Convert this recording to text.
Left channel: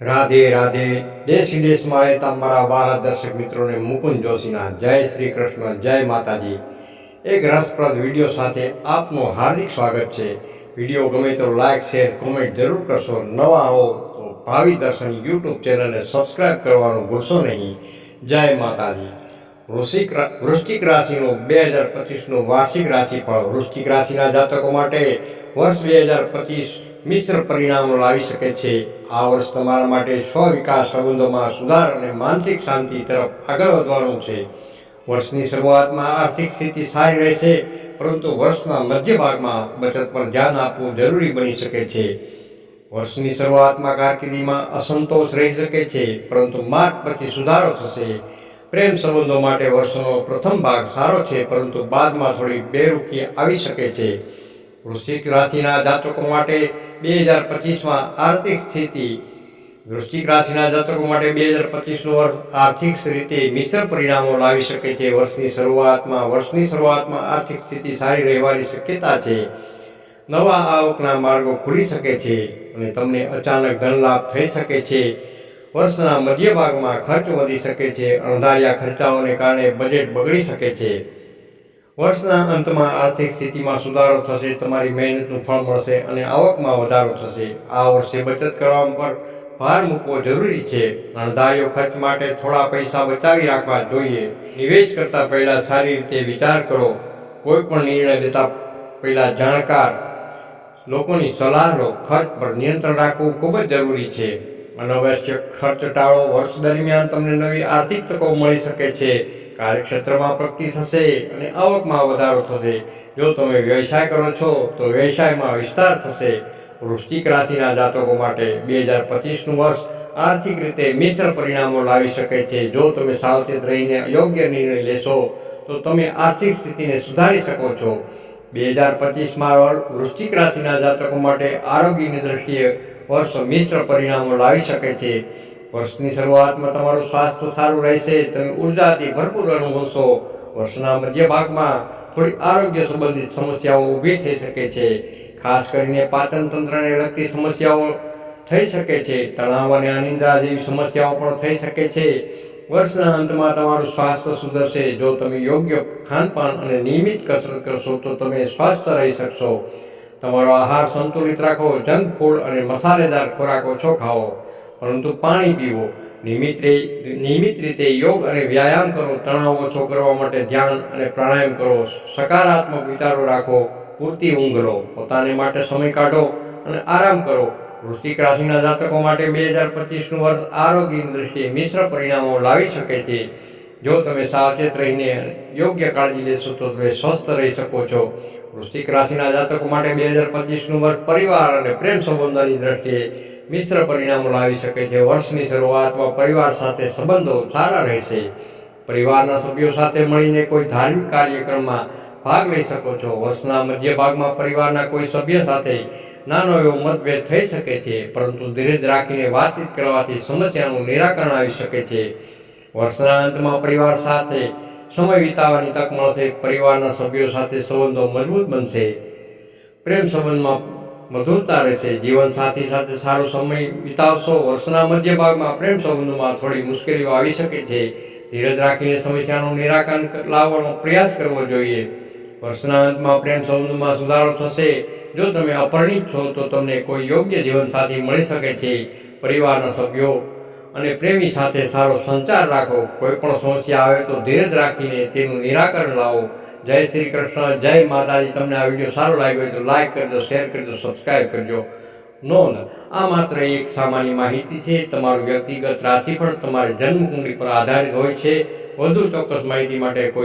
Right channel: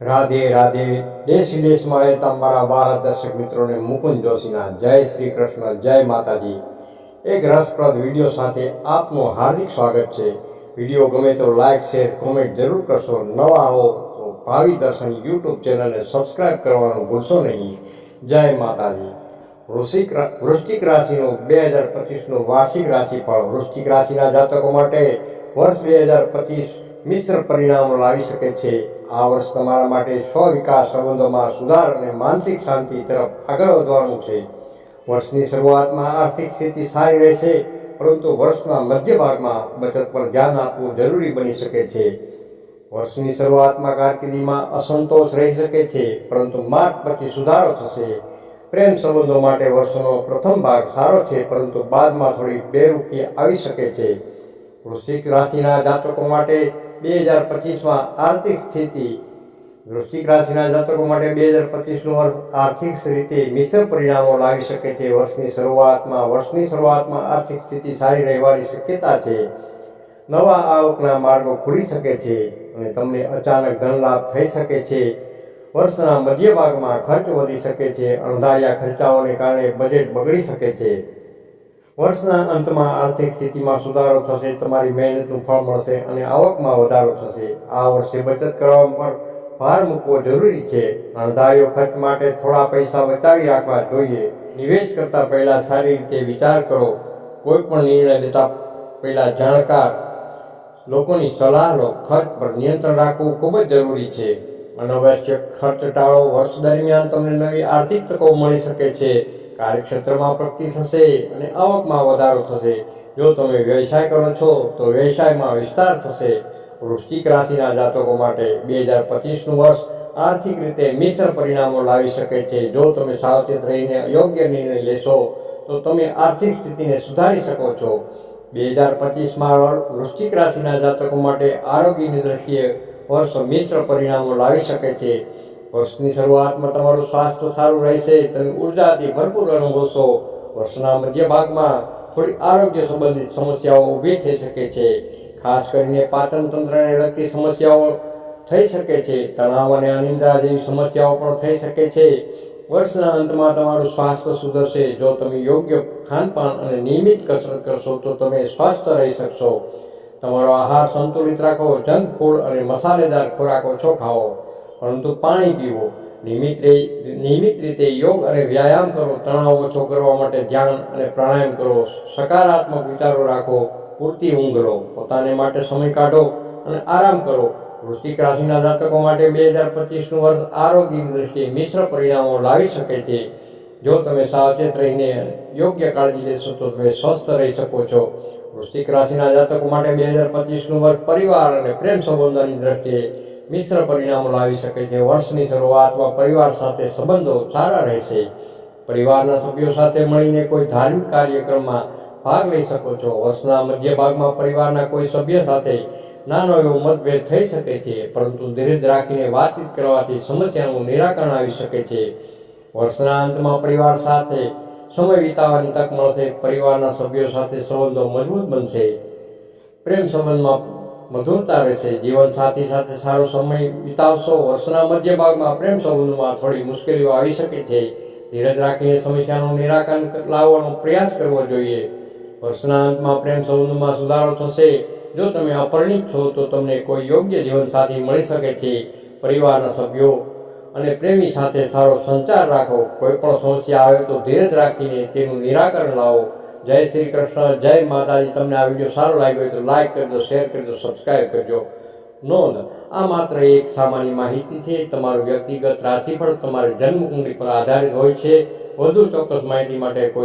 રાધે રાધે. દેશ વિદેશમાં રહેતા મારા વાલા દર્શક મિત્રોને મુકુંદ જોશીના જય શ્રી કૃષ્ણ, જય માતાજી. એક રસપ્રદ વિડીયો સાથે આપનું હાર્દિક સ્વાગત છે. વિડીયો ગમે તો લાઇક, શેર, કોમેન્ટ જરૂર કરશો. નવા આવો તો ભાવિ દર્શન યુટ્યુબ ચેનલને સબસ્ક્રાઈબ કરવાનું ભૂલશો નહીં. જય માતાજી. વૃશ્ચિક રાશિનું 2025નું વાર્ષિક રાશિફળ. વૃશ્ચિક રાશિના જાતકો માટે વર્ષ 2025 મિશ્ર પરિણામો લાવી શકે છે. આ વર્ષ તમારા માટે સ્વ-વિકાસ, સંબંધોમાં સુધાર અને માનસિક શાંતિ તરફ આગળ વધવાનું છે. વર્ષની શરૂઆતમાં આર્થિક સ્થિતિ સારી રહેશે, પરંતુ વર્ષના મધ્ય ભાગમાં બચત પર ધ્યાન આપવું જરૂરી બની શકે છે. વર્ષની શરૂઆતમાં કારકિર્દીમાં અસંતોષ રહી શકે છે, પરંતુ માર્ચ પછી સુધારો થશે. પ્રેમ સંબંધો માટે વર્ષનો પ્રથમ ભાગ સારો છે, પરંતુ બાદમાં થોડી બેરૂખી આવી શકે છે. વૃશ્ચિક રાશિના જાતકો માટે 2025માં આર્થિક સ્થિતિ. વૃશ્ચિક રાશિના જાતકો માટે 2025નું વર્ષ આર્થિક રીતે મિશ્ર પરિણામો લાવી શકે છે. વર્ષની શરૂઆતમાં આર્થિક સ્થિતિ સારી રહેવાની શક્યતા છે. નવા આવકના માર્ગો ખુલી શકે છે અને તમને અચાનક ધન લાભ થઈ શકે છે. વર્ષના મધ્ય ભાગમાં ખર્ચ વધી શકે છે. અણધાર્યા ખર્ચાઓને કારણે બજેટ બગડી શકે છે. વર્ષના અંતમાં આર્થિક સ્થિતિમાં સુધારો થશે, તમારી મહેનતનું ફળ મળશે અને આવકમાં વધારો થશે. આ વર્ષે બચત કરવા પર ભાર મૂકવો જરૂરી છે. અણધાર્યો ખર્ચ માટે થોડા પૈસા બચાવી રાખવા જોઈએ. નિવેશ કરતા પહેલા સારી રીતે વિચાર કરો. કોઈ પણ નિર્ણય લેતા પહેલા જાણકાર લોકોની સલાહ લો. ખર્ચ પર નિયંત્રણ રાખવું ખૂબ જ જરૂરી છે. અનાવશ્યક ખર્ચ ટાળો. વર્ષ દરમિયાન તમને નવી આર્થિક તકો મળી શકે છે. કાર્યક્ષેત્રમાં પ્રગતિ થશે અને આવકમાં વધારો થશે. જો તમે વ્યવસાય કરો છો તો વ્યવસાયમાં વિસ્તાર થશે. વૃશ્ચિક રાશિના જાતકો માટે 2025નું વર્ષ આર્થિક રીતે મિશ્ર પરિણામો લાવી શકે છે. જો તમે સાવચેત રહીને યોગ્ય નિર્ણય લેશો તો તમે આર્થિક સ્થિતિને સુધારી શકો છો. 2025માં વૃશ્ચિક રાશિના જાતકો માટે આરોગ્યની દ્રષ્ટિએ વર્ષ મિશ્ર પરિણામો લાવી શકે છે. વર્ષની શરૂઆતમાં તમારું સ્વાસ્થ્ય સારું રહેશે. તમે ઉર્જાથી ભરપૂર અનુભવશો. વર્ષના મધ્ય ભાગમાં થોડી આરોગ્ય સંબંધિત સમસ્યાઓ ઊભી થઈ શકે છે. ખાસ કરીને પાચન તંત્રને લગતી સમસ્યાઓ થઈ શકે છે. તણાવ અને અનિદ્રા જેવી સમસ્યાઓ પણ થઈ શકે છે. વર્ષના અંતમાં તમારું સ્વાસ્થ્ય સુધરશે. જો તમે યોગ્ય ખાનપાન અને નિયમિત કસરત કરશો તો તમે સ્વસ્થ રહી શકશો. તમારો આહાર સંતુલિત રાખો. જંક ફૂડ અને મસાલેદાર ખોરાક ઓછો ખાઓ, પરંતુ પાણી પીવો. નિયમિત રીતે યોગ અને વ્યાયામ કરો. તણાવ ઓછો કરવા માટે ધ્યાન અને પ્રાણાયામ કરો. સકારાત્મક વિચારો રાખો. પૂરતી ઊંઘ લો. પોતાને માટે સમય કાઢો અને આરામ કરો. વૃશ્ચિક રાશિના જાતકો માટે 2025નું વર્ષ આરોગ્યની દ્રષ્ટિએ મિશ્ર પરિણામો લાવી શકે છે. જો તમે સાવચેત રહીને યોગ્ય કાળજી લેશો તો તમે સ્વસ્થ રહી શકો છો. વૃશ્ચિક રાશિના જાતકો માટે 2025નું વર્ષ પરિવાર અને પ્રેમ સંબંધોની દ્રષ્ટિએ મિશ્ર પરિણામો લાવી શકે છે. વર્ષની શરૂઆતમાં પરિવાર સાથે સંબંધો સારા રહેશે. પરિવારના સભ્યો સાથે મળીને કોઈ ધાર્મિક કાર્યક્રમમાં ભાગ લઈ શકો છો. વર્ષના મધ્ય ભાગમાં પરિવારના કોઈ સભ્ય સાથે નાનો એવો મતભેદ થઈ શકે છે, પરંતુ ધીરજ રાખીને વાતચીત કરવાથી સમસ્યાનું નિરાકરણ આવી શકે છે. વર્ષના અંતમાં પરિવાર સાથે સમય વિતાવવાની તક મળશે. પરિવારના સભ્યો સાથે સંબંધો મજબૂત બનશે. પ્રેમ સંબંધમાં મધુરતા રહેશે. જીવનસાથી સાથે સારો સમય વિતાવશો. વર્ષના મધ્ય ભાગમાં પ્રેમ સંબંધોમાં થોડી મુશ્કેલીઓ આવી શકે છે. ધીરજ રાખીને સમસ્યાનું નિરાકરણ લાવવાનો પ્રયાસ કરવો જોઈએ. વર્ષના અંતમાં પ્રેમ સંબંધોમાં સુધારો થશે. જો તમે અપરિણિત છો તો તમને કોઈ યોગ્ય જીવનસાથી મળી શકે છે. પરિવારના સભ્યો અને પ્રેમી સાથે સારો સંચાર રાખો. કોઈ પણ સમસ્યા આવે તો ધીરજ રાખીને તેનું નિરાકરણ લાવો. જય શ્રી કૃષ્ણ, જય માતાજી. તમને આ વિડીયો સારો લાગ્યો હોય તો લાઇક કરજો, શેર કરજો, સબસ્ક્રાઈબ કરજો. નોંધ: આ માત્ર એક સામાન્ય માહિતી છે. તમારું વ્યક્તિગત રાશિફળ તમારી જન્મકુંડળી પર આધારિત હોય છે. વધુ ચોક્કસ માહિતી માટે કોઈ